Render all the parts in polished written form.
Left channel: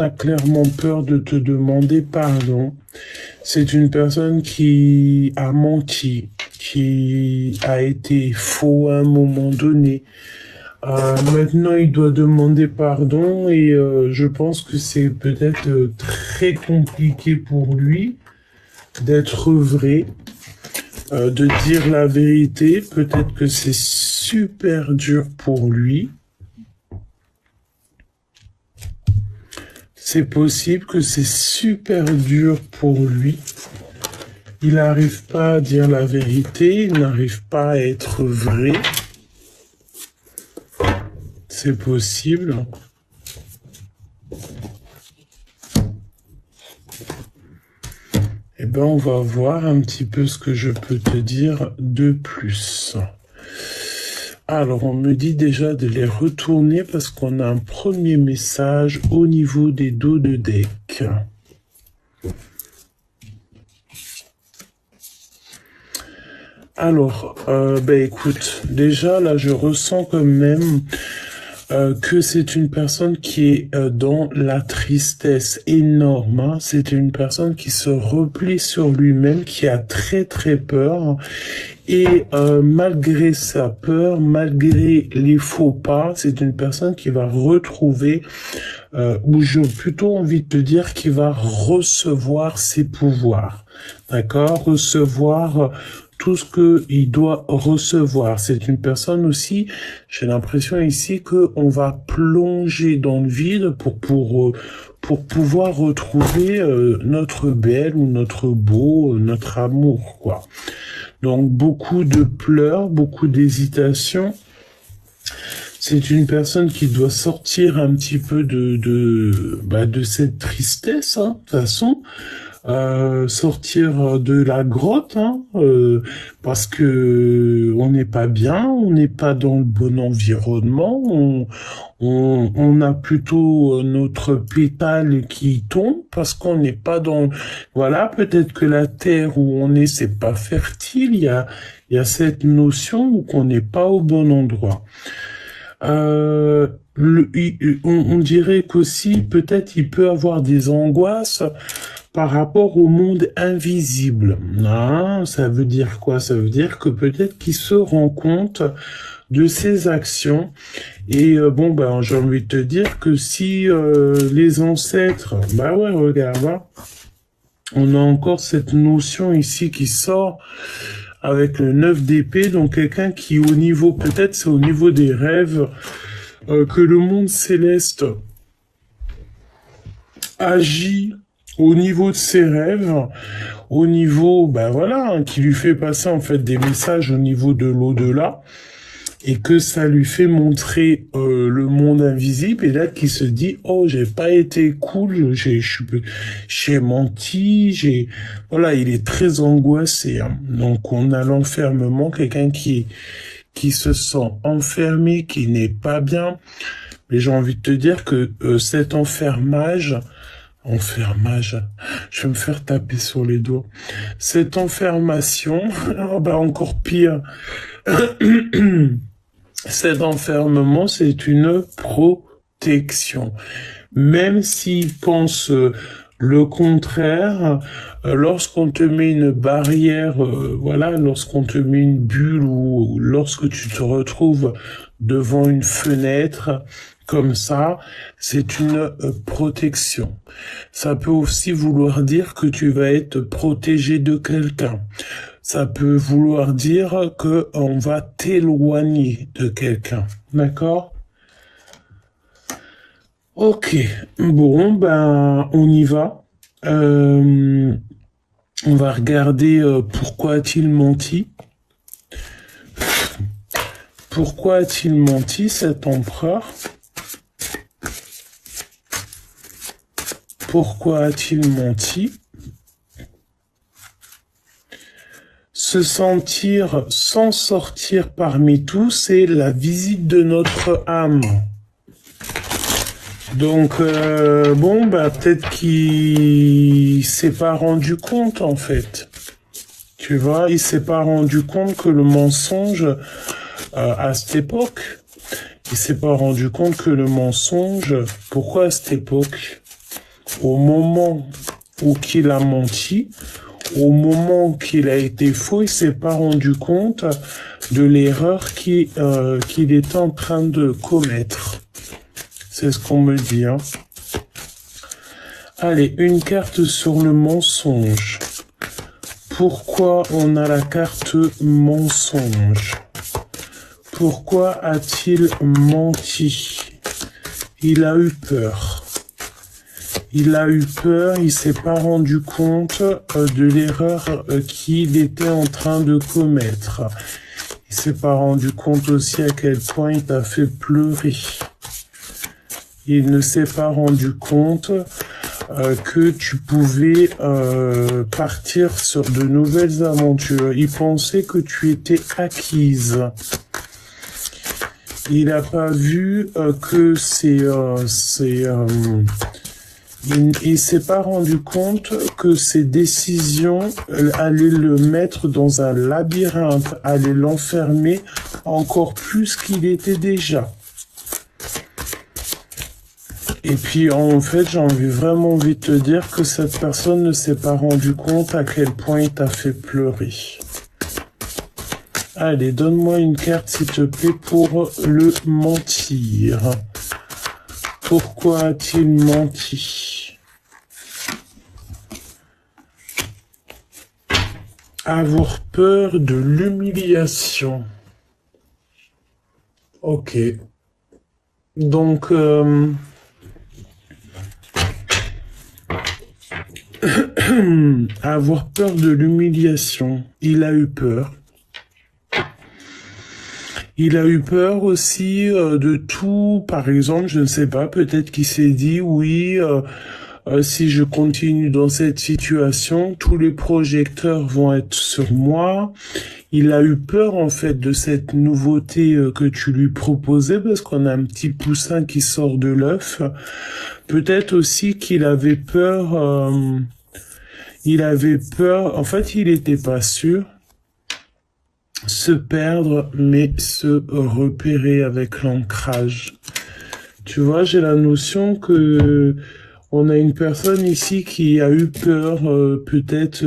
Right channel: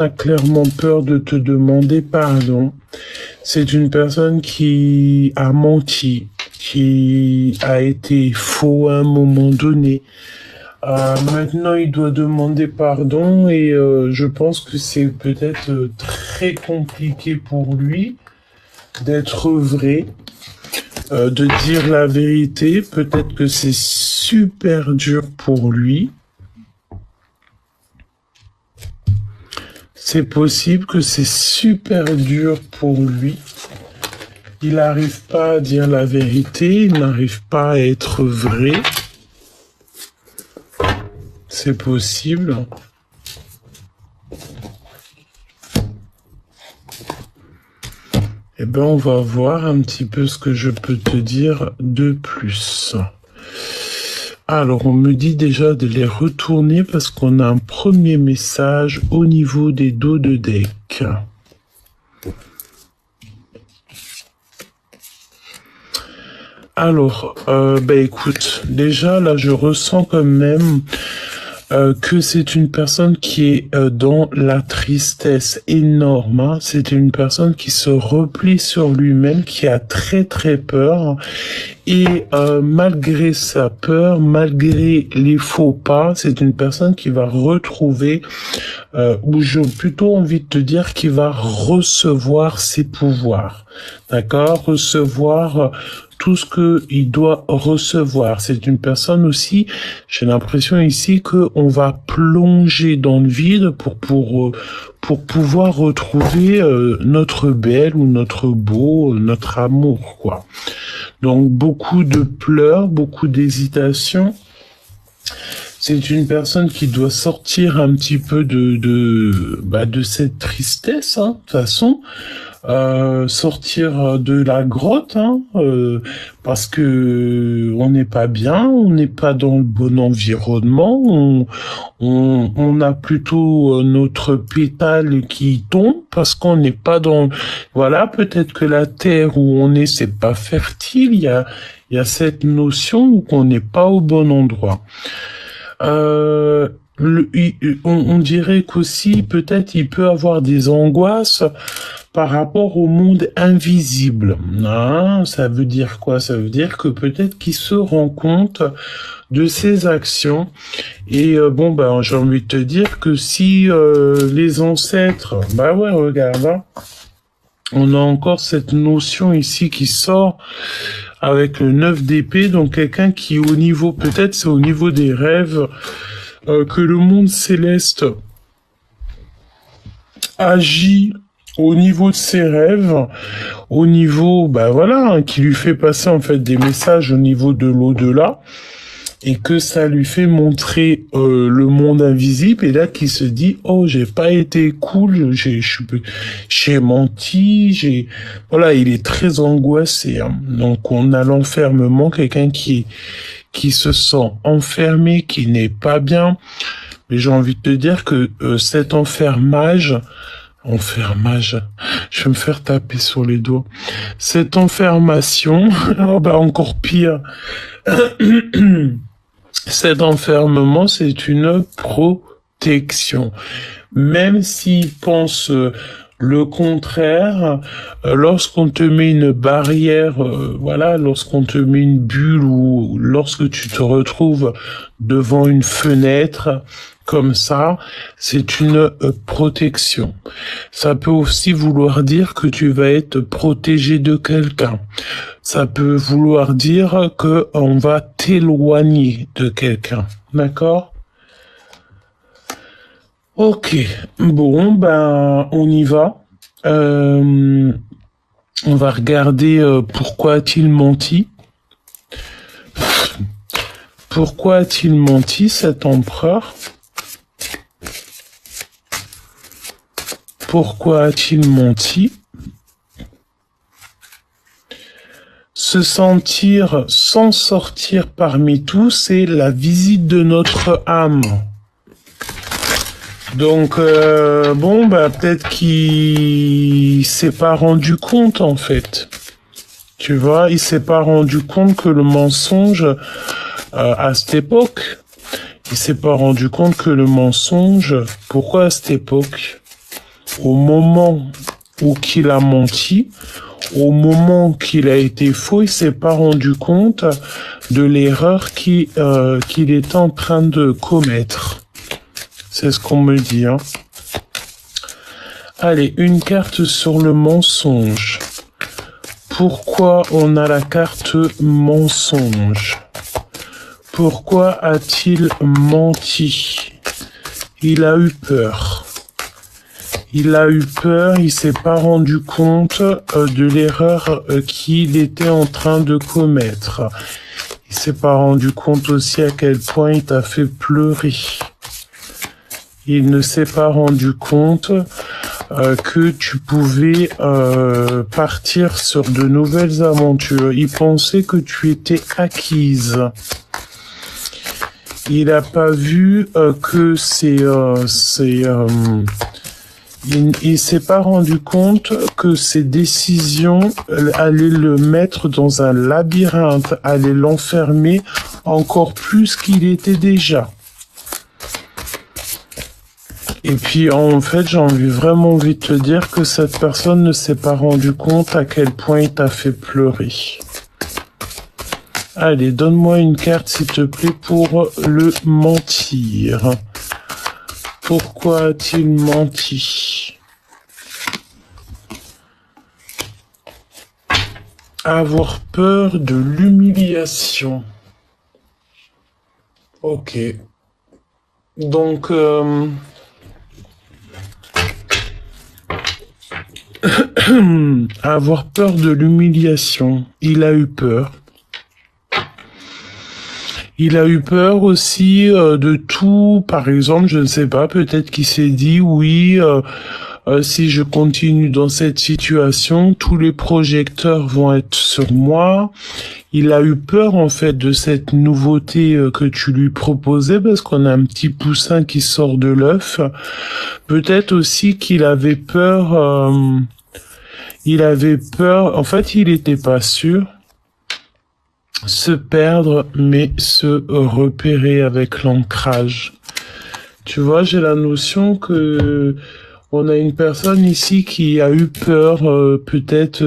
a clairement peur de te demander pardon. C'est une personne qui a menti, qui a été faux à un moment donné. Maintenant, il doit demander pardon et je pense que c'est peut-être très compliqué pour lui d'être vrai, de dire la vérité. Peut-être que c'est super dur pour lui. C'est possible que c'est super dur pour lui. Il n'arrive pas à dire la vérité, il n'arrive pas à être vrai. C'est possible. Eh bien, on va voir un petit peu ce que je peux te dire de plus. Alors, on me dit déjà de les retourner parce qu'on a un premier message au niveau des dos de deck. Alors, écoute, déjà là, je ressens quand même que c'est une personne qui est dans la tristesse énorme. Hein. C'est une personne qui se replie sur lui-même, qui a très très peur. Et malgré sa peur, malgré les faux pas, c'est une personne qui va retrouver, ou j'ai plutôt envie de te dire, qui va recevoir ses pouvoirs. D'accord? Recevoir tout ce qu'il doit recevoir. C'est une personne aussi, j'ai l'impression ici qu'on va plonger dans le vide pour pouvoir retrouver notre belle ou notre beau, notre amour, quoi. Donc beaucoup de pleurs, beaucoup d'hésitation. C'est une personne qui doit sortir un petit peu de cette tristesse, hein, de toute façon. Sortir de la grotte, hein, parce que on n'est pas bien, on n'est pas dans le bon environnement, on a plutôt notre pétale qui tombe parce qu'on n'est pas dans, voilà, peut-être que la terre où on est, c'est pas fertile, il y a cette notion qu'on n'est pas au bon endroit. On dirait qu'aussi, peut-être, il peut avoir des angoisses par rapport au monde invisible. Non, ça veut dire quoi? Ça veut dire que peut-être qu'il se rend compte de ses actions. Et j'ai envie de te dire que si les ancêtres, bah ouais, regarde, hein, on a encore cette notion ici qui sort avec le 9 d'épée, donc quelqu'un qui au niveau, peut-être c'est au niveau des rêves, que le monde céleste agit au niveau de ses rêves, au niveau, qui lui fait passer en fait des messages au niveau de l'au-delà, et que ça lui fait montrer le monde invisible, et là qui se dit, oh, j'ai pas été cool, j'ai menti, voilà, il est très angoissé, hein. Donc on a l'enfermement, quelqu'un qui se sent enfermé, qui n'est pas bien, mais j'ai envie de te dire que cet enfermage, je vais me faire taper sur les dos. Cette enfermation, encore pire. Cet enfermement, c'est une protection. Même s'il pense le contraire, lorsqu'on te met une barrière, lorsqu'on te met une bulle ou lorsque tu te retrouves devant une fenêtre, comme ça, c'est une protection. Ça peut aussi vouloir dire que tu vas être protégé de quelqu'un. Ça peut vouloir dire que on va t'éloigner de quelqu'un. D'accord? Ok. Bon, on y va. On va regarder pourquoi a-t-il menti. Pourquoi a-t-il menti, cet empereur? Pourquoi a-t-il menti? Se sentir sans sortir parmi tous, c'est la visite de notre âme. Donc, peut-être qu'il s'est pas rendu compte, en fait. Tu vois, il s'est pas rendu compte que le mensonge, à cette époque, il s'est pas rendu compte que le mensonge, pourquoi à cette époque? au moment où qu'il a menti, au moment qu'il a été faux, il s'est pas rendu compte de l'erreur qu'il est en train de commettre. C'est ce qu'on me dit, hein. Allez, une carte sur le mensonge. Pourquoi on a la carte mensonge? Pourquoi a-t-il menti? Il a eu peur. Il a eu peur, il s'est pas rendu compte de l'erreur qu'il était en train de commettre. Il s'est pas rendu compte aussi à quel point il t'a fait pleurer. Il ne s'est pas rendu compte que tu pouvais partir sur de nouvelles aventures. Il pensait que tu étais acquise. Il n'a pas vu que il s'est pas rendu compte que ses décisions allaient le mettre dans un labyrinthe, allaient l'enfermer encore plus qu'il était déjà. Et puis, en fait, vraiment envie de te dire que cette personne ne s'est pas rendu compte à quel point il t'a fait pleurer. Allez, donne-moi une carte, s'il te plaît, pour le mentir. Pourquoi a-t-il menti? Avoir peur de l'humiliation. Ok. Donc, avoir peur de l'humiliation. Il a eu peur. Il a eu peur aussi de tout. Par exemple, je ne sais pas, peut-être qu'il s'est dit, oui, si je continue dans cette situation, tous les projecteurs vont être sur moi. Il a eu peur, en fait, de cette nouveauté que tu lui proposais, parce qu'on a un petit poussin qui sort de l'œuf. Peut-être aussi qu'il avait peur, en fait, il n'était pas sûr. Se perdre, mais se repérer avec l'ancrage. Tu vois, j'ai la notion que on a une personne ici qui a eu peur, peut-être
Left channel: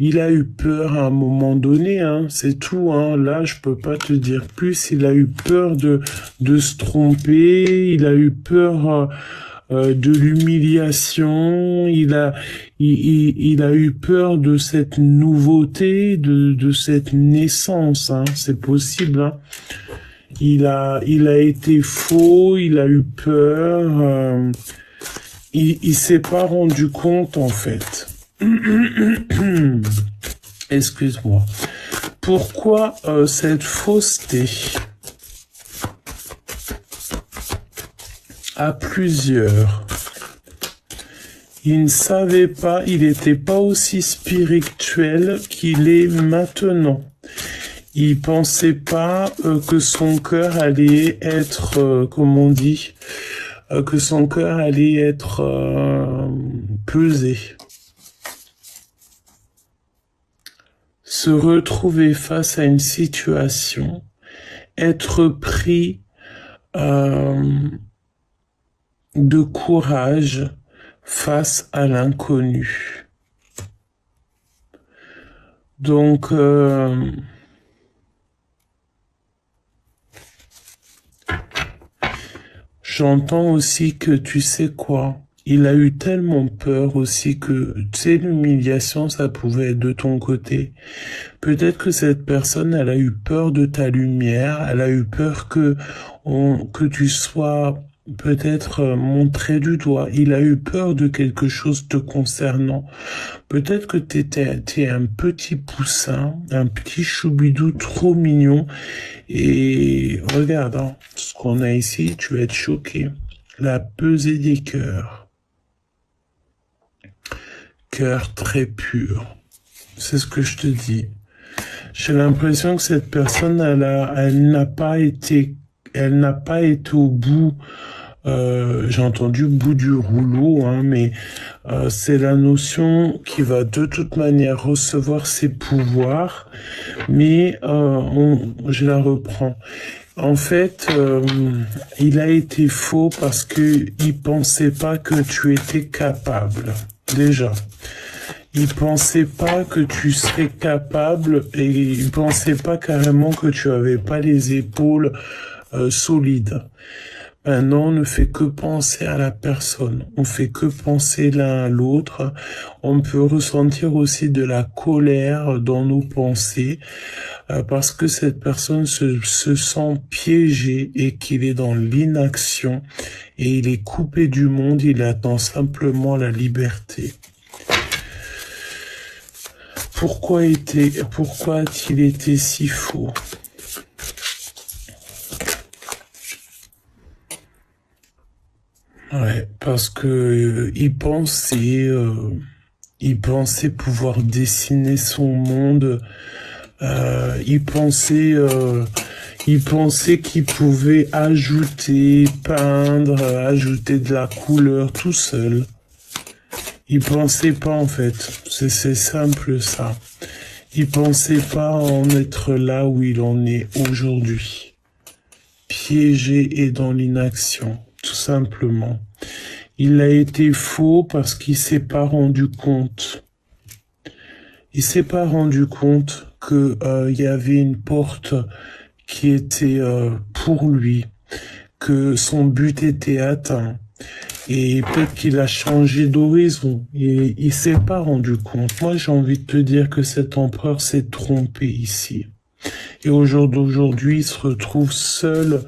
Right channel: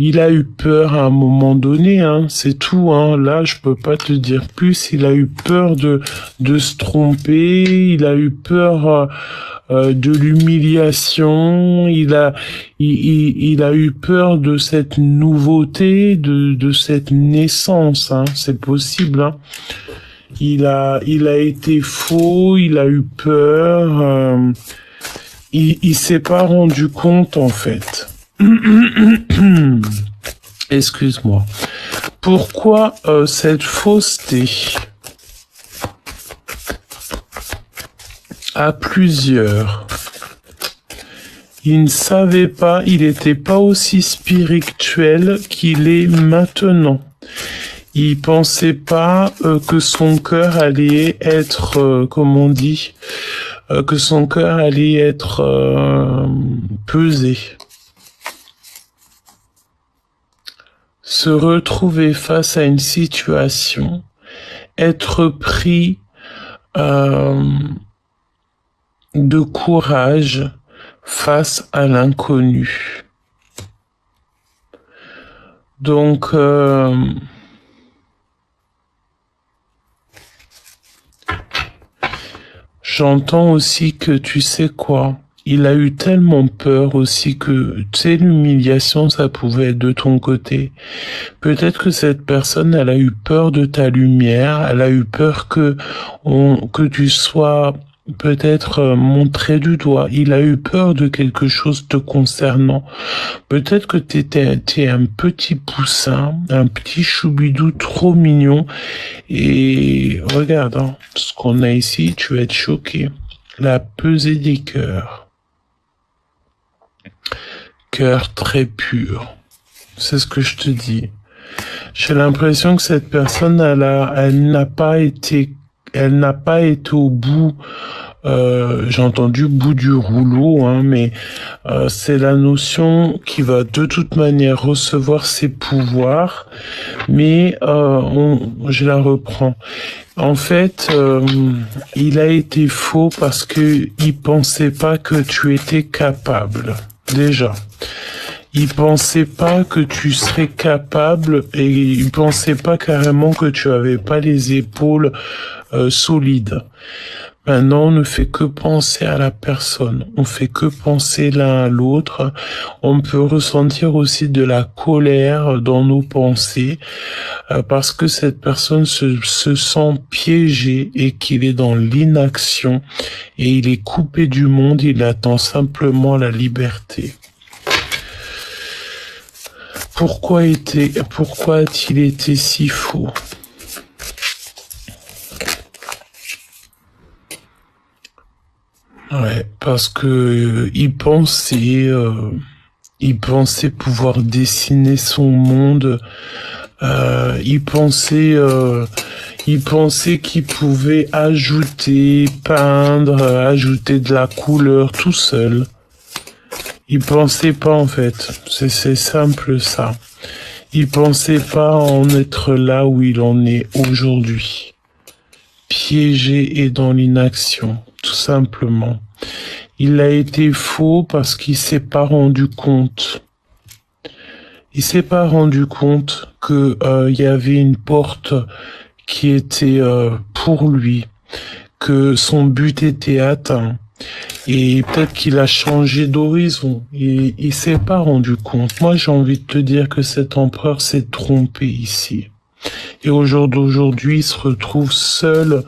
il a eu peur à un moment donné, hein, c'est tout, hein. Là, je peux pas te dire plus. Il a eu peur de se tromper. Il a eu peur de l'humiliation. Il a eu peur de cette nouveauté, de cette naissance, hein. C'est possible, hein. Il a été faux. Il a eu peur. Il s'est pas rendu compte, en fait. Excuse-moi. Pourquoi cette fausseté? À plusieurs. Il ne savait pas, il n'était pas aussi spirituel qu'il est maintenant. Il pensait pas que son cœur allait être, comment on dit, que son cœur allait être pesé. Se retrouver face à une situation, être pris de courage face à l'inconnu. Donc, j'entends aussi que tu sais quoi, il a eu tellement peur aussi que, tu sais, l'humiliation, ça pouvait être de ton côté. Peut-être que cette personne, elle a eu peur de ta lumière, elle a eu peur que tu sois peut-être montré du doigt. Il a eu peur de quelque chose te concernant. Peut-être que t'es un petit poussin, un petit choubidou trop mignon. Et regarde, hein, ce qu'on a ici, tu vas être choqué. La pesée des cœurs. Cœur très pur. C'est ce que je te dis. J'ai l'impression que cette personne, elle n'a pas été au bout. J'ai entendu bout du rouleau, hein, mais c'est la notion qui va de toute manière recevoir ses pouvoirs. Mais je la reprends. En fait, il a été faux parce que il pensait pas que tu étais capable. Déjà. Il pensait pas que tu serais capable et il pensait pas carrément que tu avais pas les épaules solides. Maintenant, on ne fait que penser à la personne. On fait que penser l'un à l'autre. On peut ressentir aussi de la colère dans nos pensées parce que cette personne se sent piégée et qu'il est dans l'inaction et il est coupé du monde. Il attend simplement la liberté. Pourquoi a-t-il été si faux? Ouais, parce que il pensait pouvoir dessiner son monde. Il pensait qu'il pouvait ajouter, peindre, ajouter de la couleur tout seul. Il pensait pas en fait. C'est simple ça. Il pensait pas en être là où il en est aujourd'hui. Piégé et dans l'inaction, tout simplement. Il a été faux parce qu'il s'est pas rendu compte. Il s'est pas rendu compte que y avait une porte qui était pour lui, que son but était atteint. Et peut-être qu'il a changé d'horizon. Il s'est pas rendu compte. Moi, j'ai envie de te dire que cet empereur s'est trompé ici. Et aujourd'hui, il se retrouve seul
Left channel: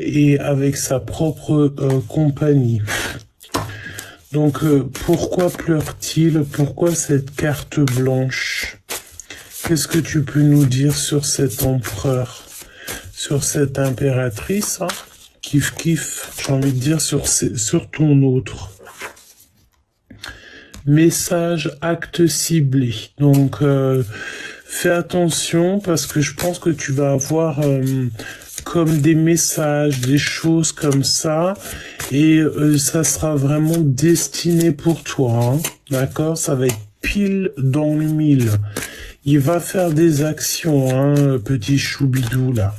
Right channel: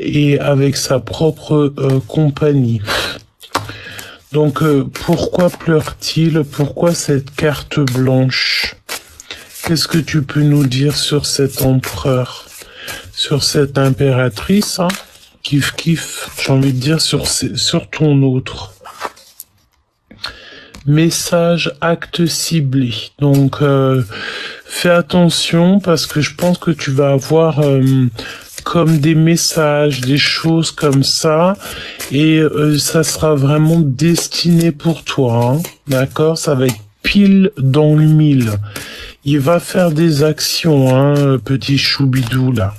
et avec sa propre compagnie. Donc, pourquoi pleure-t-il? Pourquoi cette carte blanche? Qu'est-ce que tu peux nous dire sur cet empereur? Sur cette impératrice, hein? Kiff, j'ai envie de dire sur ton autre. Message, acte ciblé. Donc, fais attention parce que je pense que tu vas avoir comme des messages, des choses comme ça. Et ça sera vraiment destiné pour toi. Hein, d'accord? Ça va être pile dans le mille. Il va faire des actions, hein, petit choubidou là.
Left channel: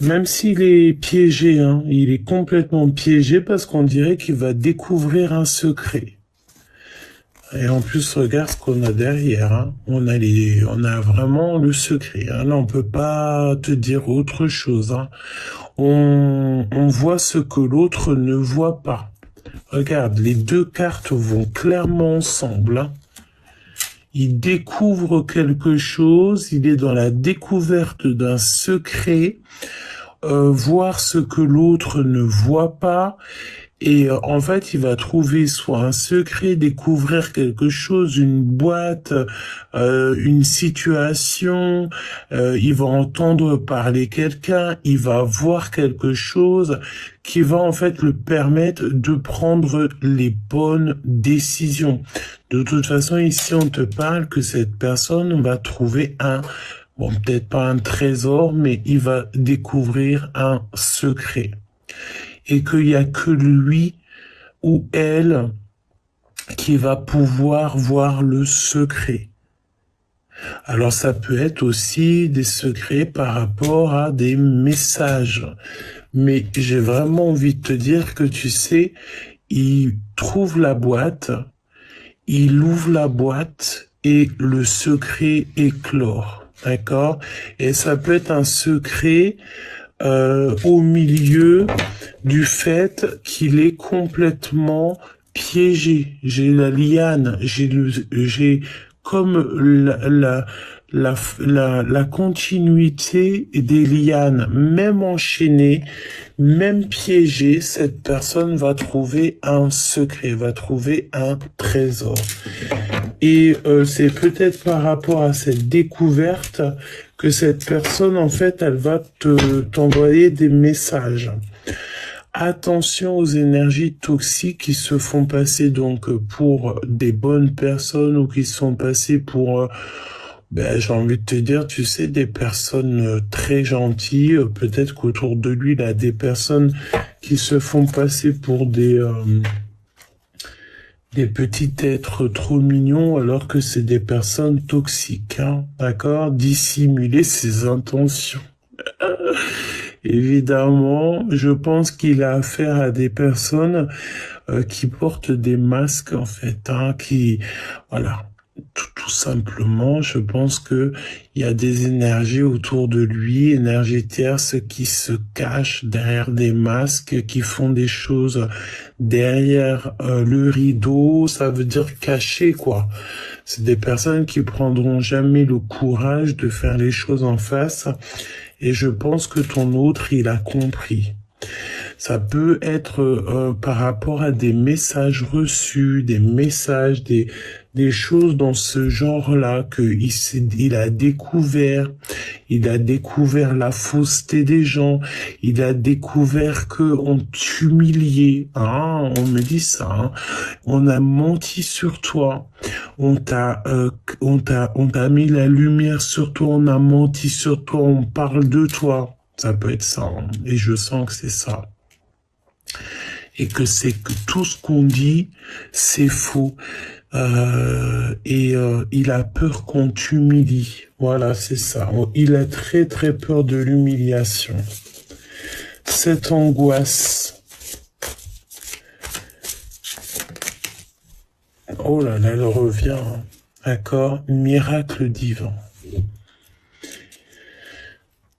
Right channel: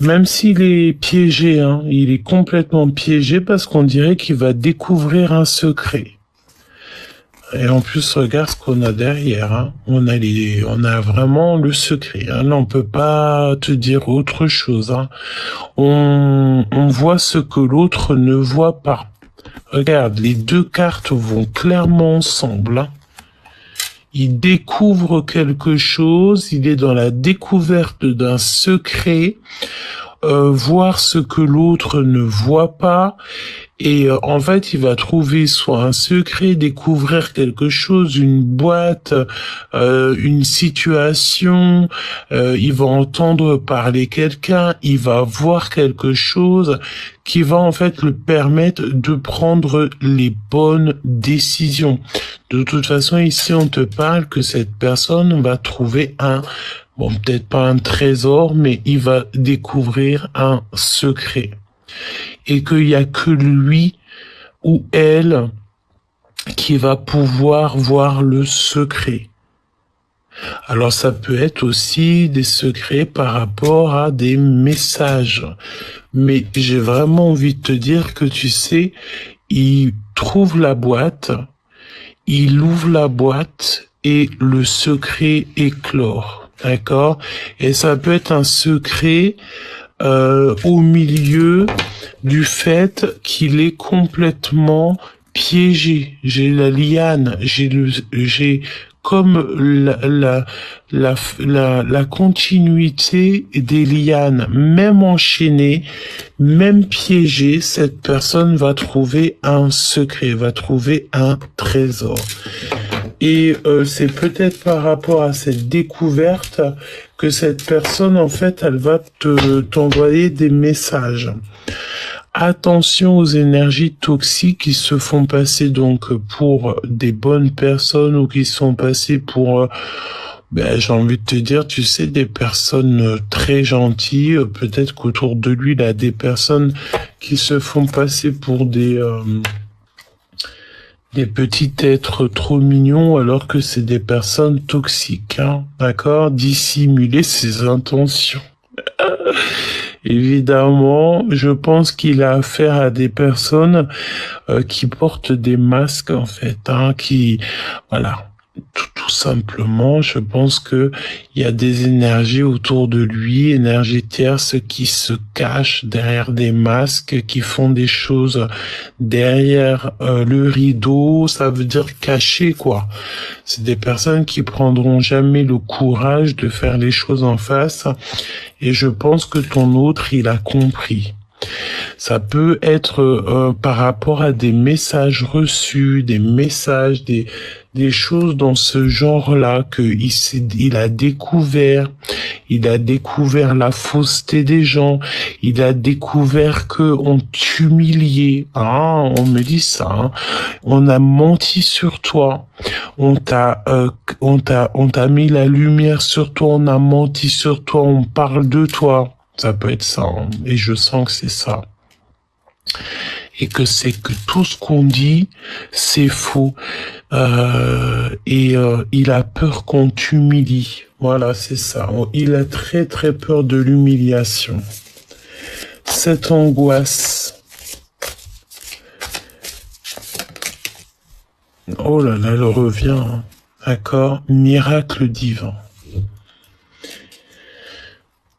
Même s'il est piégé, hein, il est complètement piégé parce qu'on dirait qu'il va découvrir un secret. Et en plus, regarde ce qu'on a derrière. Hein. On a vraiment le secret. Hein. Là, on peut pas te dire autre chose. Hein. On voit ce que l'autre ne voit pas. Regarde, les deux cartes vont clairement ensemble. Hein. Il découvre quelque chose. Il est dans la découverte d'un secret. Voir ce que l'autre ne voit pas et en fait il va trouver soit un secret, découvrir quelque chose, une boîte, une situation, il va entendre parler quelqu'un, il va voir quelque chose qui va en fait le permettre de prendre les bonnes décisions. De toute façon ici on te parle que cette personne va trouver bon, peut-être pas un trésor, mais il va découvrir un secret. Et qu'il y a que lui ou elle qui va pouvoir voir le secret. Alors ça peut être aussi des secrets par rapport à des messages. Mais j'ai vraiment envie de te dire que tu sais, il trouve la boîte, il ouvre la boîte et le secret éclore. D'accord? Et ça peut être un secret au milieu du fait qu'il est complètement piégé. J'ai la liane, j'ai comme la continuité des lianes, même enchaînée, même piégée, cette personne va trouver un secret, va trouver un trésor. Et c'est peut-être par rapport à cette découverte que cette personne, en fait, elle va t'envoyer des messages. Attention aux énergies toxiques qui se font passer donc pour des bonnes personnes ou qui sont passées pour, j'ai envie de te dire, tu sais, des personnes très gentilles. Peut-être qu'autour de lui, il a des personnes qui se font passer pour des petits êtres trop mignons alors que c'est des personnes toxiques, hein, d'accord? Dissimuler ses intentions. Évidemment, je pense qu'il a affaire à des personnes qui portent des masques en fait, hein, qui, voilà, tout simplement, je pense que il y a des énergies autour de lui, énergies tierces qui se cachent derrière des masques, qui font des choses derrière le rideau, ça veut dire caché quoi. C'est des personnes qui prendront jamais le courage de faire les choses en face. Et je pense que ton autre, il a compris. Ça peut être par rapport à des messages reçus, des messages, des choses dans ce genre-là que il a découvert. Il a découvert la fausseté des gens. Il a découvert que on t'humiliait. Ah, on me dit ça. Hein. On a menti sur toi. On t'a mis la lumière sur toi. On a menti sur toi. On parle de toi. Ça peut être ça. Hein. Et je sens que c'est ça. Et que c'est que tout ce qu'on dit, c'est faux. Il a peur qu'on t'humilie. Voilà, c'est ça. Il a très très peur de l'humiliation. Cette angoisse. Oh là là, elle revient. Hein. D'accord? Miracle divin.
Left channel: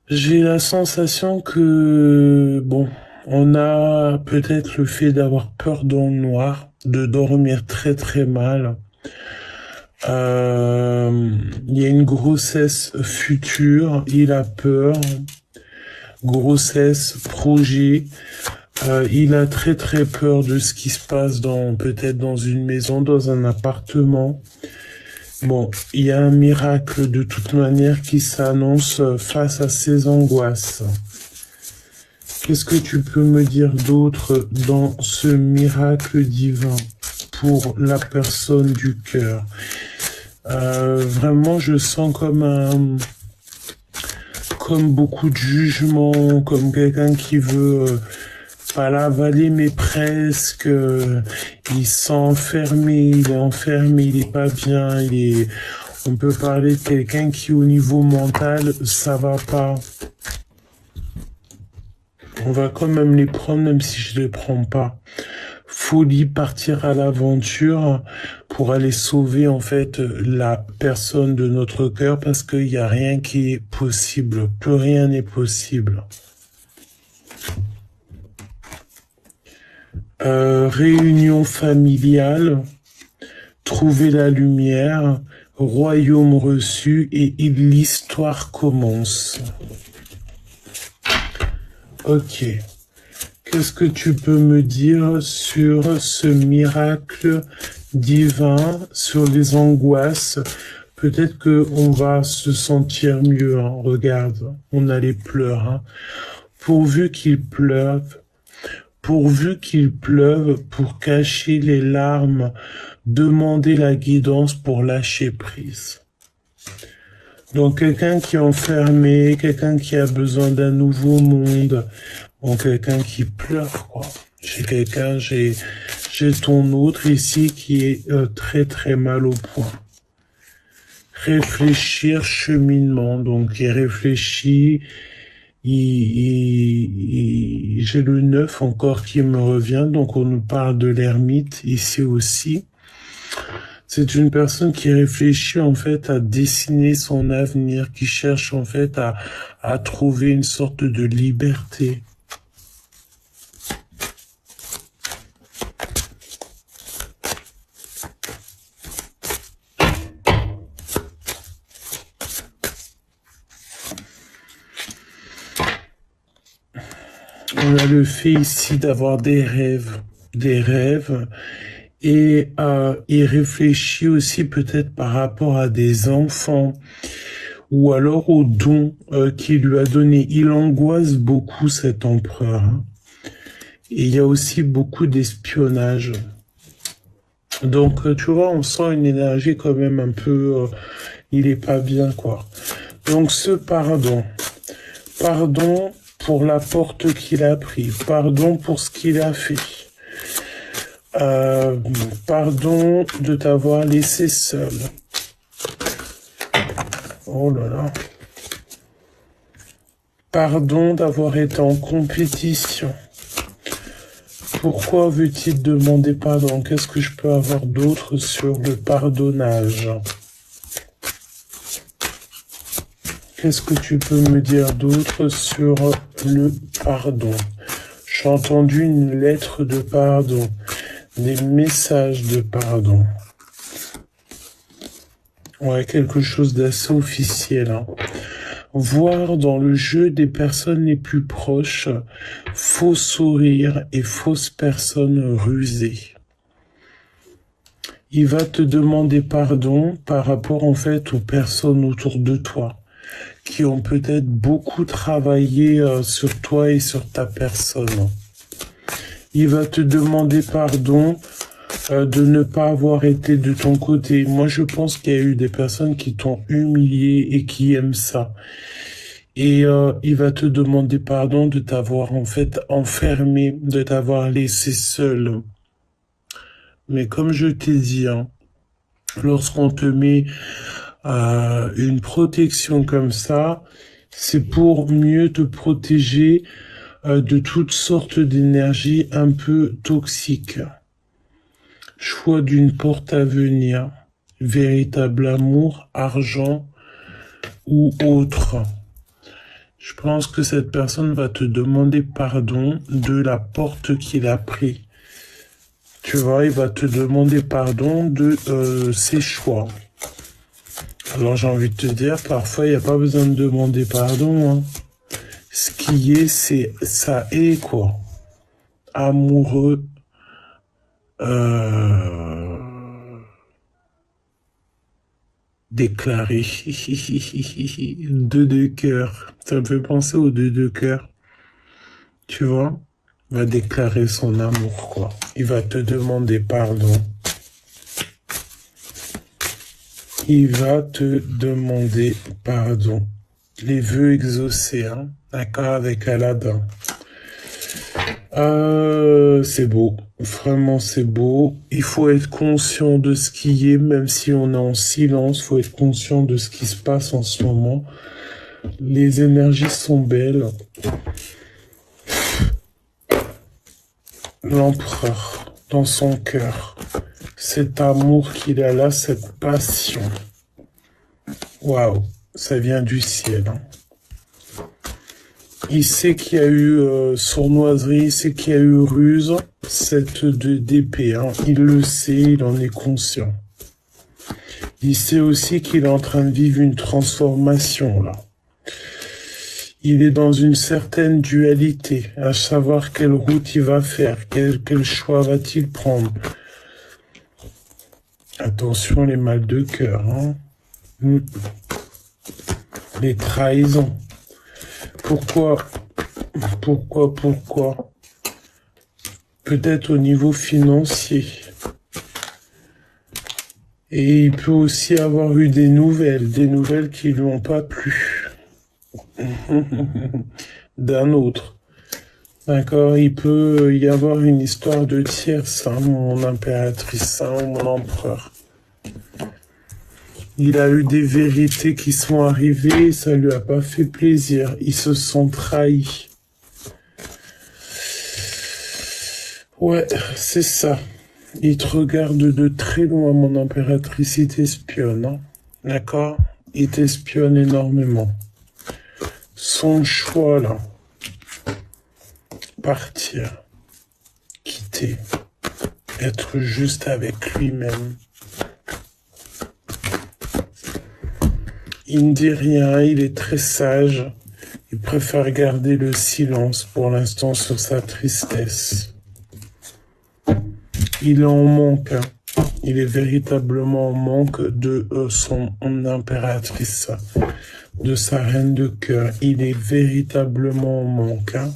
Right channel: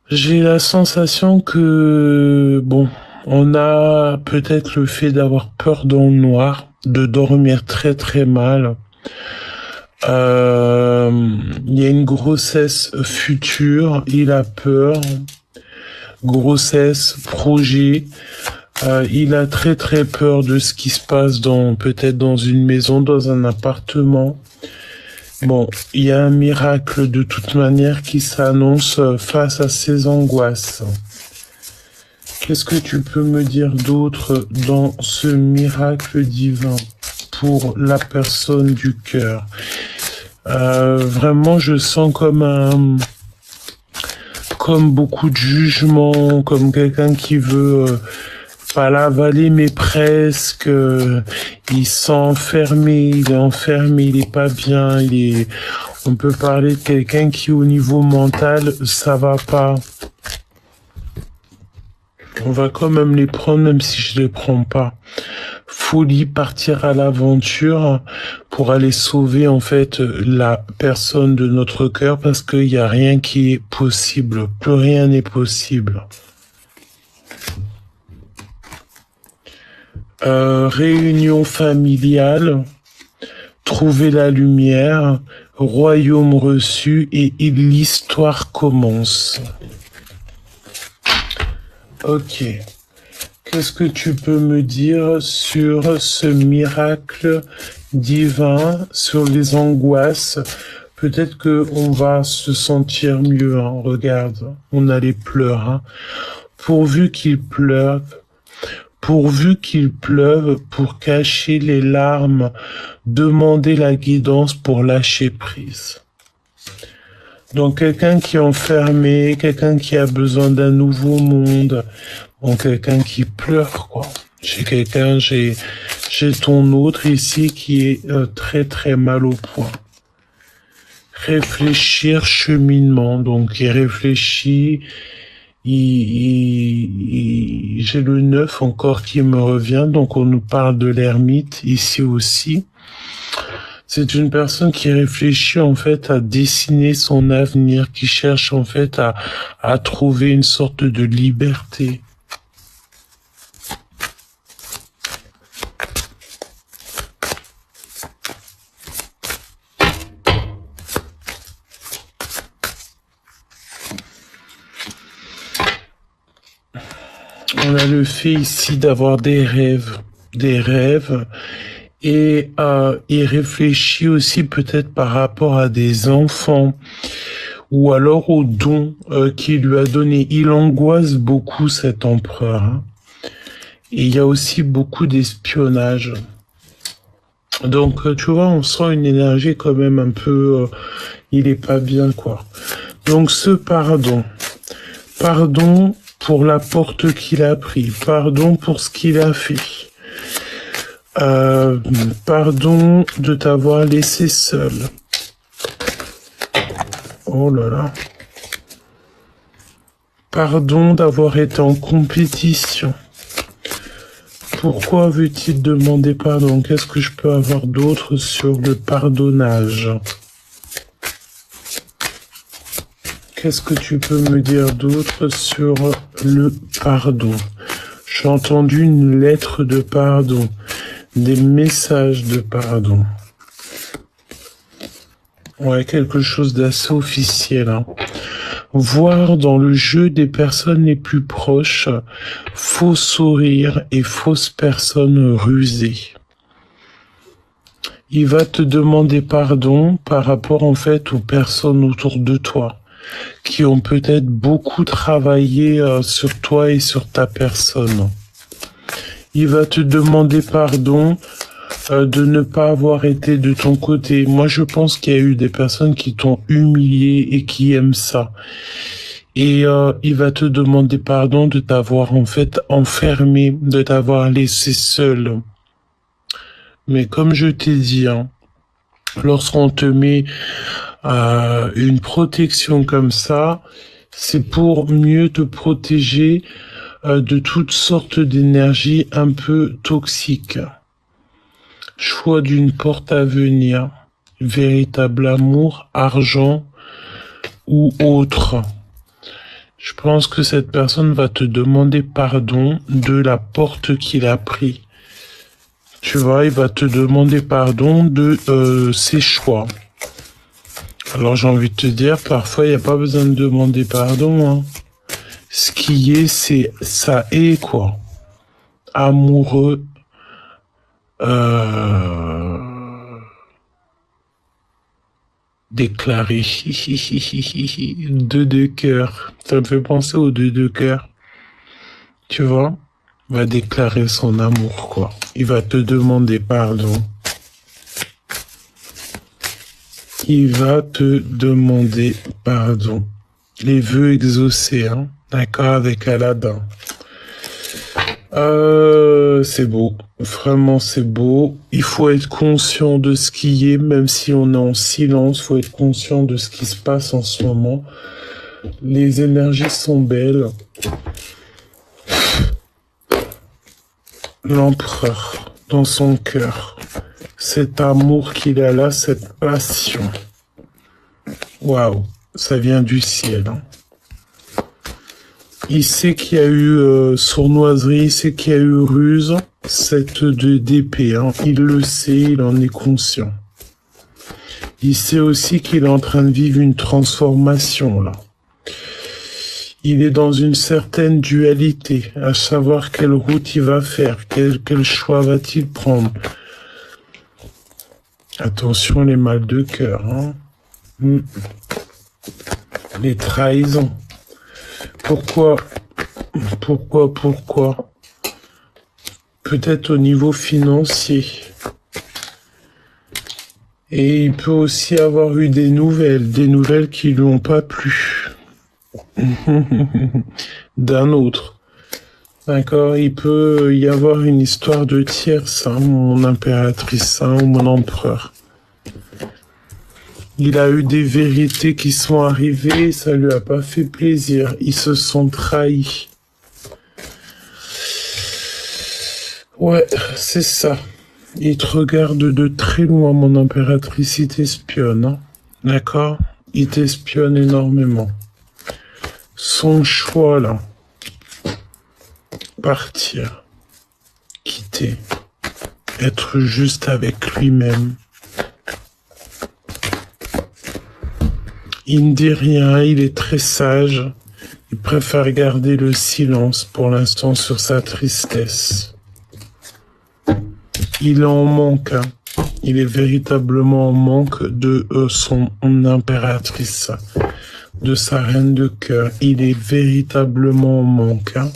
J'ai la sensation que, bon, on a peut-être le fait d'avoir peur dans le noir, de dormir très très mal. Il y a une grossesse future, il a peur. Grossesse, projet. Il a très très peur de ce qui se passe peut-être dans une maison, dans un appartement. Bon, il y a un miracle de toute manière qui s'annonce face à ces angoisses. Qu'est-ce que tu peux me dire d'autre dans ce miracle divin pour la personne du cœur? Vraiment, je sens comme beaucoup de jugement, comme quelqu'un qui veut pas l'avaler, mais presque. Il s'est enfermé, il est pas bien, on peut parler de quelqu'un qui, au niveau mental, ça va pas. On va quand même les prendre, même si je les prends pas. Folie, partir à l'aventure pour aller sauver, en fait, la personne de notre cœur parce qu'il n'y a rien qui est possible. Plus rien n'est possible. Réunion familiale, trouver la lumière, royaume reçu et l'histoire commence. Ok. Qu'est-ce que tu peux me dire sur ce miracle divin, sur les angoisses? Peut-être que on va se sentir mieux. Hein. Regarde, on a les pleurs. Hein. Pourvu qu'il pleuve, pour cacher les larmes, demander la guidance pour lâcher prise. Donc quelqu'un qui est enfermé, quelqu'un qui a besoin d'un nouveau monde, donc quelqu'un qui pleure quoi. J'ai ton autre ici qui est très très mal au point. Réfléchir, cheminement, donc il réfléchit, j'ai le 9 encore qui me revient, donc on nous parle de l'ermite ici aussi. C'est une personne qui réfléchit en fait à dessiner son avenir, qui cherche en fait à trouver une sorte de liberté. On a le fait ici d'avoir des rêves, et il réfléchit aussi peut-être par rapport à des enfants ou alors aux dons qu'il lui a donné. Il angoisse beaucoup cet empereur. Hein. Et il y a aussi beaucoup d'espionnage. Donc tu vois, on sent une énergie quand même un peu... il est pas bien quoi. Donc ce pardon. Pardon pour la porte qu'il a pris. Pardon pour ce qu'il a fait. Pardon de t'avoir laissé seul. Oh là là. Pardon d'avoir été en compétition. Pourquoi veut-il demander pardon? Qu'est-ce que je peux avoir d'autre sur le pardonnage? Qu'est-ce que tu peux me dire d'autre sur le pardon? J'ai entendu une lettre de pardon, des messages de pardon. Ouais, quelque chose d'assez officiel. Hein. Voir dans le jeu des personnes les plus proches, faux sourires et fausses personnes rusées. Il va te demander pardon par rapport en fait aux personnes autour de toi qui ont peut-être beaucoup travaillé sur toi et sur ta personne. Il va te demander pardon de ne pas avoir été de ton côté. Moi, je pense qu'il y a eu des personnes qui t'ont humilié et qui aiment ça. Et il va te demander pardon de t'avoir en fait enfermé, de t'avoir laissé seul. Mais comme je t'ai dit, hein, lorsqu'on te met une protection comme ça, c'est pour mieux te protéger de toutes sortes d'énergies un peu toxiques. Choix d'une porte à venir, véritable amour, argent ou autre. Je pense que cette personne va te demander pardon de la porte qu'il a pris. Tu vois, il va te demander pardon de ses choix. Alors j'ai envie de te dire, parfois il n'y a pas besoin de demander pardon. Hein. Ce qui est, c'est ça est quoi. Amoureux. Déclaré. Deux de cœur. Ça me fait penser aux deux de cœur. Tu vois? Il va déclarer son amour, quoi. Il va te demander pardon. Il va te demander pardon. Les vœux exaucés, hein. D'accord, avec Aladdin. C'est beau. Vraiment, c'est beau. Il faut être conscient de ce qui est, même si on est en silence. Il faut être conscient de ce qui se passe en ce moment. Les énergies sont belles. L'empereur, dans son cœur. Cet amour qu'il a là, cette passion. Waouh, ça vient du ciel. Hein. Il sait qu'il y a eu sournoiserie, il sait qu'il y a eu ruse, cette d'épée. Hein. Il le sait, il en est conscient. Il sait aussi qu'il est en train de vivre une transformation là. Il est dans une certaine dualité, à savoir quelle route il va faire, quel choix va-t-il prendre. Attention les mal de cœur, hein. Les trahisons. Pourquoi? Peut-être au niveau financier. Et il peut aussi avoir eu des nouvelles qui lui ont pas plu. D'un autre. D'accord, il peut y avoir une histoire de tierce, hein, mon impératrice, hein, mon empereur. Il a eu des vérités qui sont arrivées et ça lui a pas fait plaisir. Ils se sont trahis. Ouais, c'est ça. Il te regarde de très loin, mon impératrice. Il t'espionne, hein. D'accord? Il t'espionne énormément. Son choix, là. Partir. Quitter. Être juste avec lui-même. Il ne dit rien, il est très sage. Il préfère garder le silence pour l'instant sur sa tristesse. Il est en manque. Hein. Il est véritablement en manque de son impératrice, de sa reine de cœur. Il est véritablement en manque. Hein.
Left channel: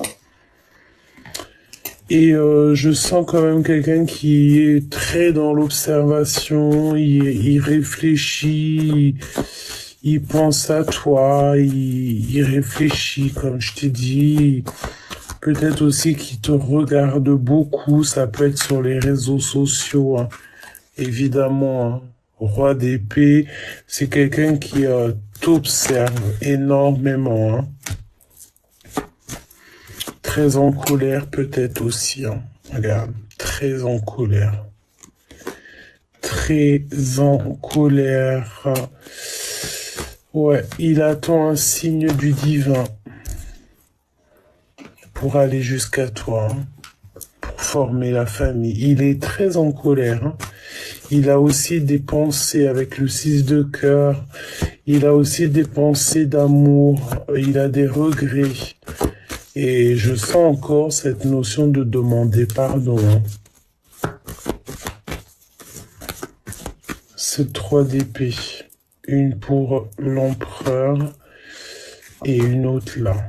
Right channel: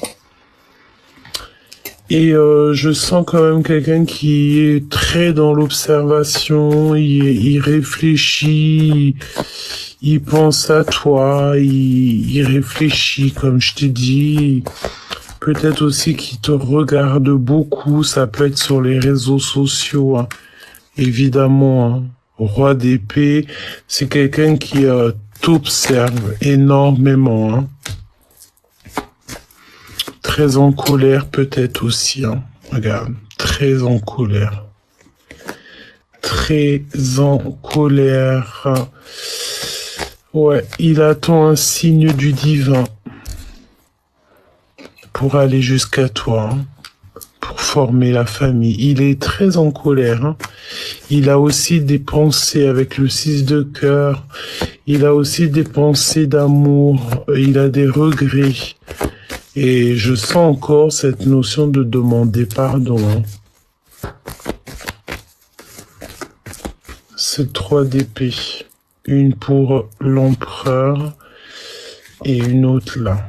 Et je sens quand même quelqu'un qui est très dans l'observation, il réfléchit, il pense à toi, il réfléchit, comme je t'ai dit. Peut-être aussi qu'il te regarde beaucoup, ça peut être sur les réseaux sociaux, hein. Évidemment. Hein. Roi d'épée, c'est quelqu'un qui t'observe énormément. Hein. très en colère peut-être aussi. Hein. Regarde, très en colère. Très en colère. Ouais, il attend un signe du divin pour aller jusqu'à toi, hein, pour former la famille. Il est très en colère. Hein. Il a aussi des pensées avec le 6 de cœur. Il a aussi des pensées d'amour. Il a des regrets. Et je sens encore cette notion de demander pardon. C'est 3 d'épée. Une pour l'empereur et une autre là.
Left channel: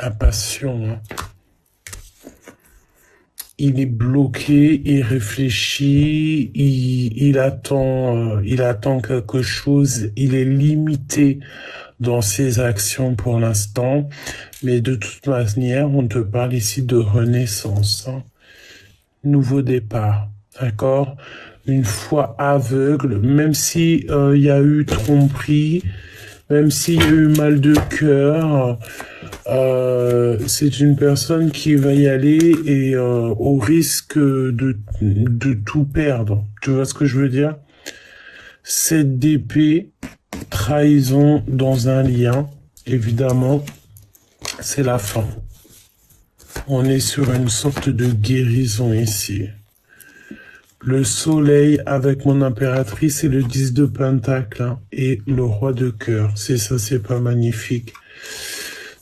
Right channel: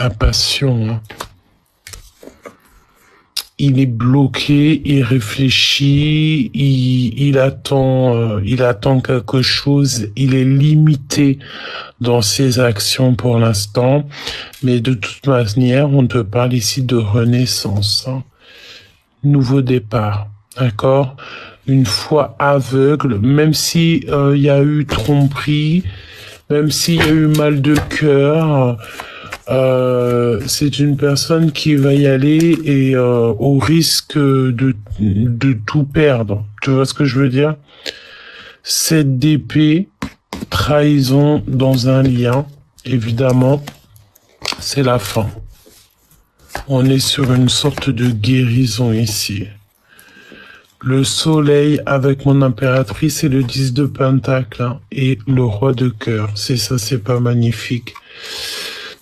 La passion. Hein. Il est bloqué, il réfléchit, il attend quelque chose, il est limité dans ses actions pour l'instant, mais de toute manière, on te parle ici de renaissance, hein. Nouveau départ, d'accord? Une foi aveugle, même si il y a eu tromperie, même s'il y a eu mal de cœur, c'est une personne qui va y aller et au risque de tout perdre. Tu vois ce que je veux dire? 7 d'épée, trahison dans un lien, évidemment, c'est la fin. On est sur une sorte de guérison ici. Le soleil avec mon impératrice et le 10 de pentacle hein, et le roi de cœur. C'est ça, c'est pas magnifique.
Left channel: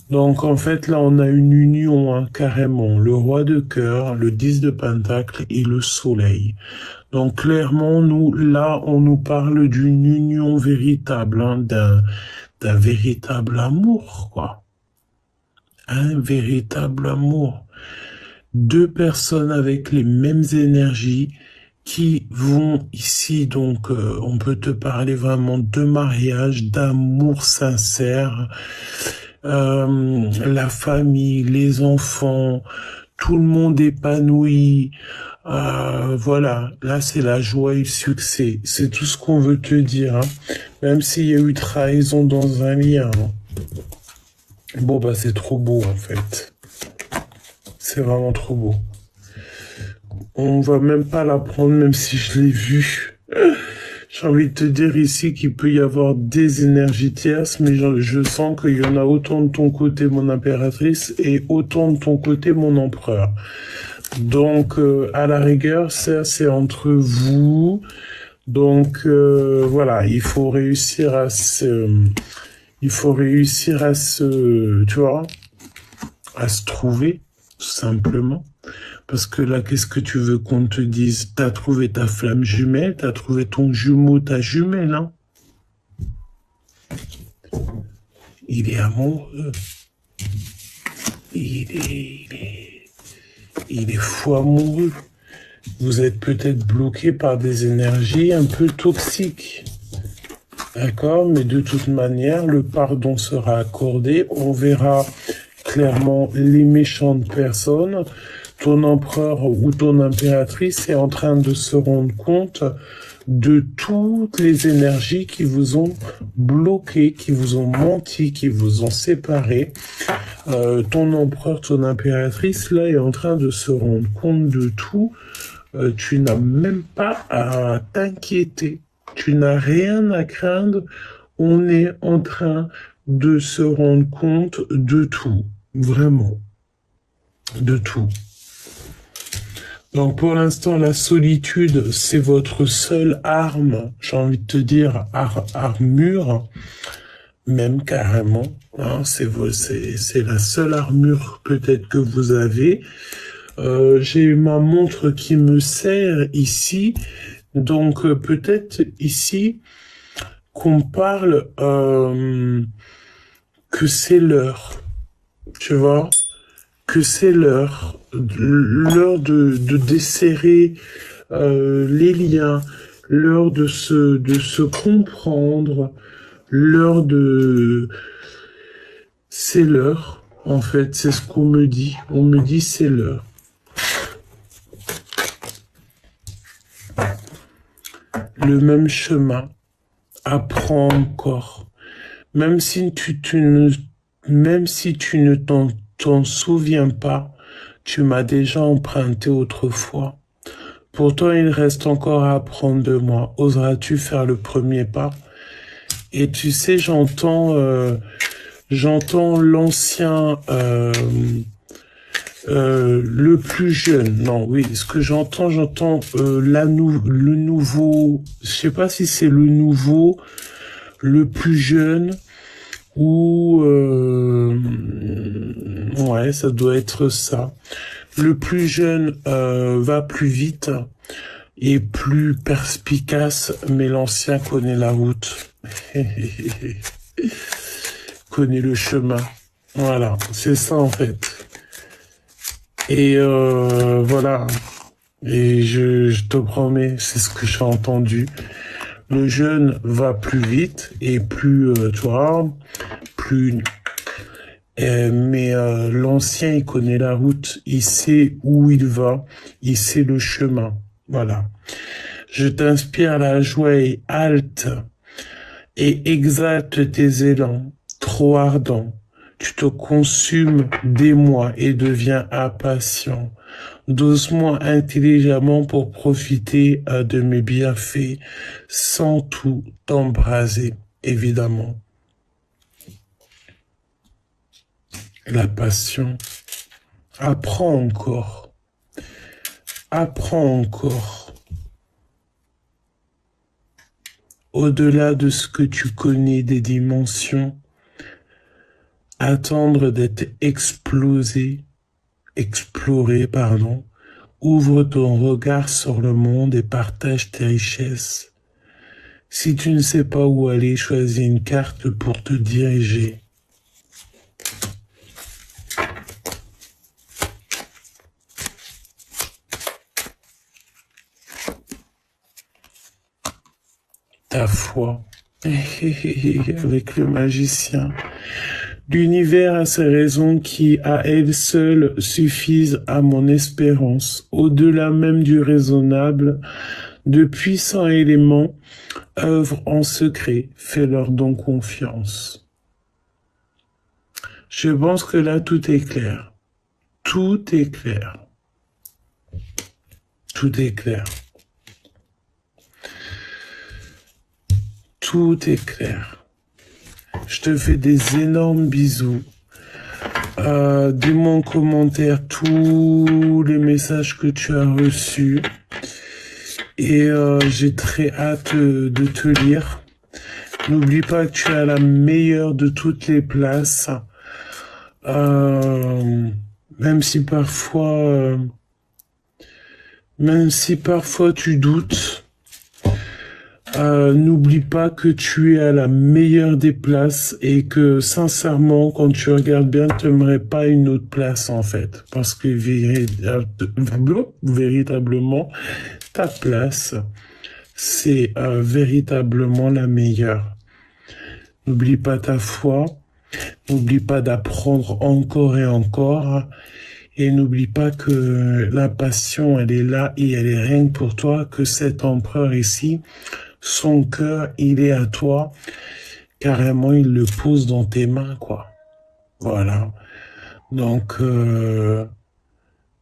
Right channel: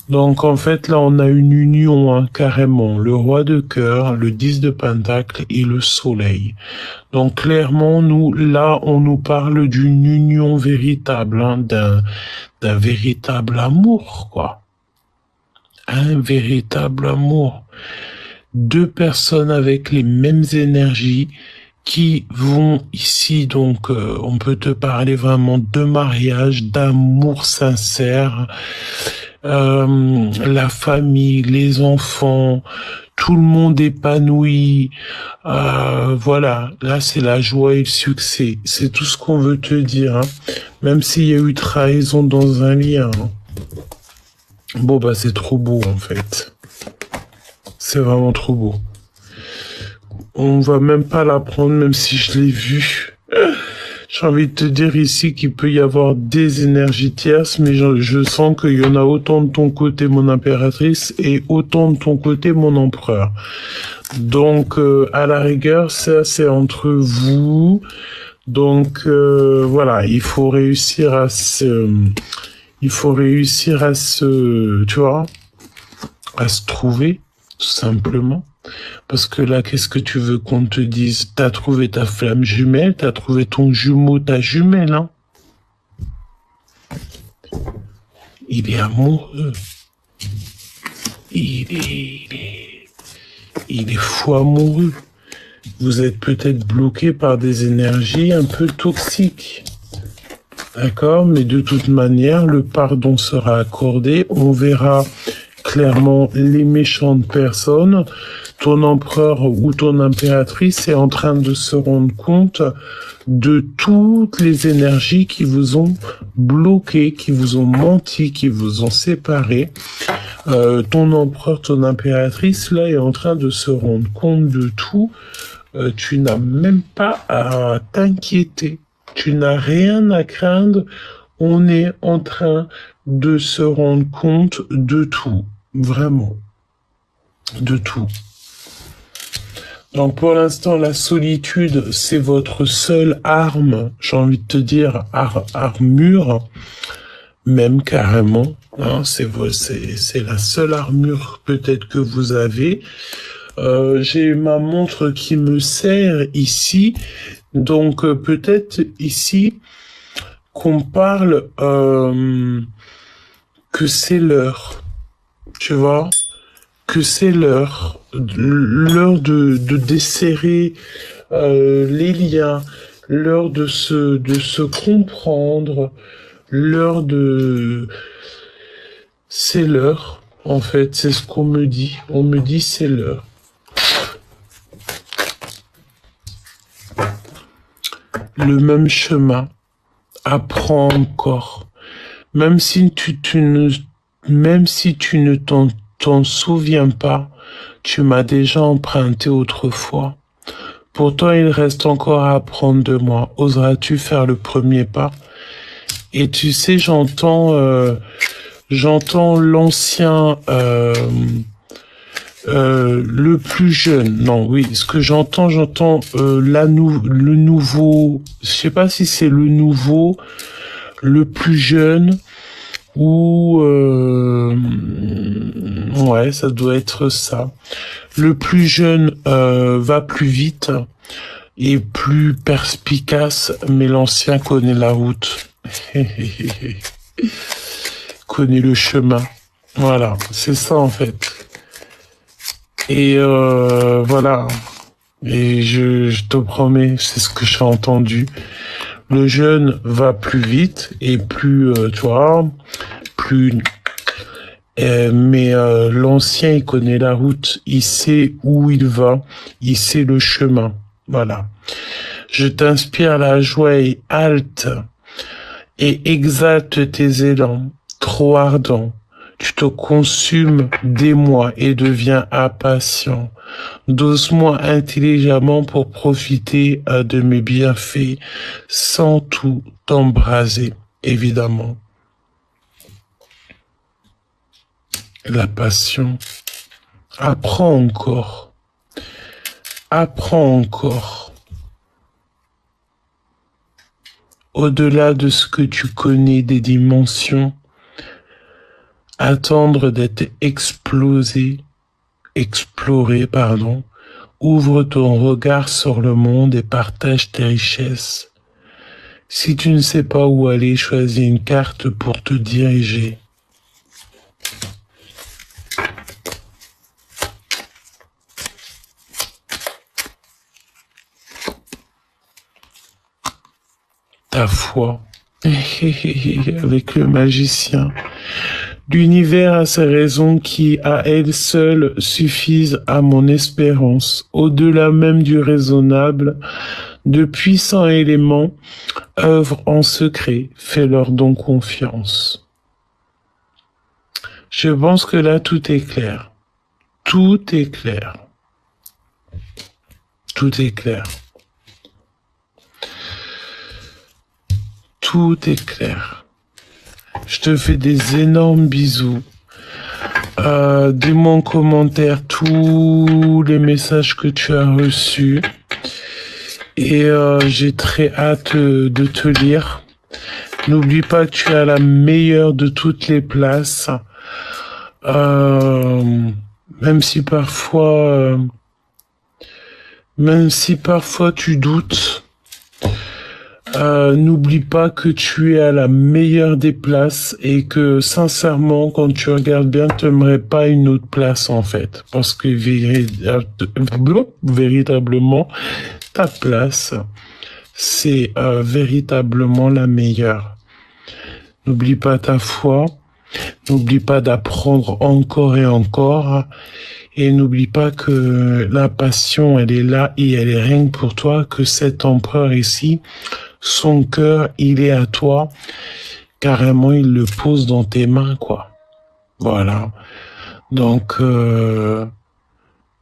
Donc en fait là on a une union hein, carrément. Le roi de cœur, le 10 de pentacle et le soleil. Donc clairement nous là on nous parle d'une union véritable, hein, d'un véritable amour quoi. Un véritable amour. 2 personnes avec les mêmes énergies qui vont ici, donc on peut te parler vraiment de mariage, d'amour sincère, la famille, les enfants, tout le monde épanoui, voilà, là c'est la joie et le succès, c'est tout ce qu'on veut te dire, hein. Même s'il y a eu trahison dans un lien. Hein. Bon bah c'est trop beau en fait, c'est vraiment trop beau. On va même pas la prendre, même si je l'ai vu. J'ai envie de te dire ici qu'il peut y avoir des énergies tierces, mais je sens qu'il y en a autant de ton côté, mon impératrice, et autant de ton côté, mon empereur. Donc, à la rigueur, ça, c'est entre vous. Donc, voilà, il faut réussir à tu vois, à se trouver, tout simplement. Parce que là, qu'est-ce que tu veux qu'on te dise? T'as trouvé ta flamme jumelle, t'as trouvé ton jumeau, ta jumelle, hein? Il est amoureux. Il est fou amoureux. Vous êtes peut-être bloqué par des énergies un peu toxiques. D'accord? Mais de toute manière, le pardon sera accordé. On verra clairement les méchantes personnes. Ton empereur ou ton impératrice est en train de se rendre compte de toutes les énergies qui vous ont bloqué, qui vous ont menti, qui vous ont séparé. Ton empereur, ton impératrice, là, est en train de se rendre compte de tout. Tu n'as même pas à t'inquiéter. Tu n'as rien à craindre. On est en train de se rendre compte de tout. Vraiment. De tout. Donc pour l'instant, la solitude, c'est votre seule arme, j'ai envie de te dire, armure, même carrément. Hein, c'est la seule armure peut-être que vous avez. J'ai ma montre qui me sert ici, donc peut-être ici qu'on parle que c'est l'heure, tu vois, que c'est l'heure de desserrer les liens, l'heure de se comprendre, l'heure de... C'est l'heure, en fait, c'est ce qu'on me dit. On me dit c'est l'heure. Le même chemin, apprends encore. Même si tu ne même si tu ne t'en souviens pas, tu m'as déjà emprunté autrefois. Pourtant, il reste encore à apprendre de moi. Oseras-tu faire le premier pas? Et tu sais, j'entends l'ancien, le plus jeune. Non, oui, ce que j'entends le nouveau. Je sais pas si c'est le nouveau, le plus jeune ou ouais, ça doit être ça. Le plus jeune va plus vite et plus perspicace, mais l'ancien connaît la route. Connaît le chemin. Voilà, c'est ça en fait. Et voilà. Et je te promets, c'est ce que j'ai entendu. Le jeune va plus vite et plus, tu vois, plus. Mais l'ancien, il connaît la route, il sait où il va, il sait le chemin. Voilà. Je t'inspire la joie et halte et exalte tes élans, trop ardents. Tu te consumes d'émoi et deviens impatient. Dose-moi intelligemment pour profiter de mes bienfaits sans tout t'embraser, évidemment. La passion. Apprends encore. Apprends encore. Au-delà de ce que tu connais des dimensions, attendre d'être exploré, pardon. Ouvre ton regard sur le monde et partage tes richesses. Si tu ne sais pas où aller, choisis une carte pour te diriger. Ta foi avec le magicien. L'univers a ses raisons qui, à elles seules, suffisent à mon espérance. Au-delà même du raisonnable, de puissants éléments œuvrent en secret. Fais-leur donc confiance. Je pense que là, tout est clair. Tout est clair. Tout est clair. Tout est clair. Je te fais des énormes bisous. Dis-moi en commentaire tous les messages que tu as reçus. Et j'ai très hâte de te lire. N'oublie pas que tu as la meilleure de toutes les places. Même si parfois tu doutes. N'oublie pas que tu es à la meilleure des places et que sincèrement, quand tu regardes bien, tu n'aimerais pas une autre place en fait. Parce que véritablement, ta place, c'est véritablement la meilleure. N'oublie pas ta foi, n'oublie pas d'apprendre encore et encore. Et n'oublie pas que la passion, elle est là et elle est rien que pour toi, que cet empereur ici, son cœur, il est à toi. Carrément, il le pose dans tes mains, quoi. Voilà. Donc,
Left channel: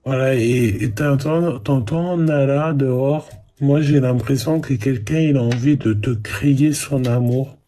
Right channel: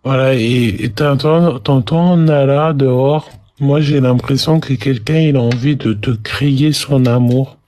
voilà. Et t'entends Nala dehors. Moi, j'ai l'impression que quelqu'un, il a envie de te crier son amour.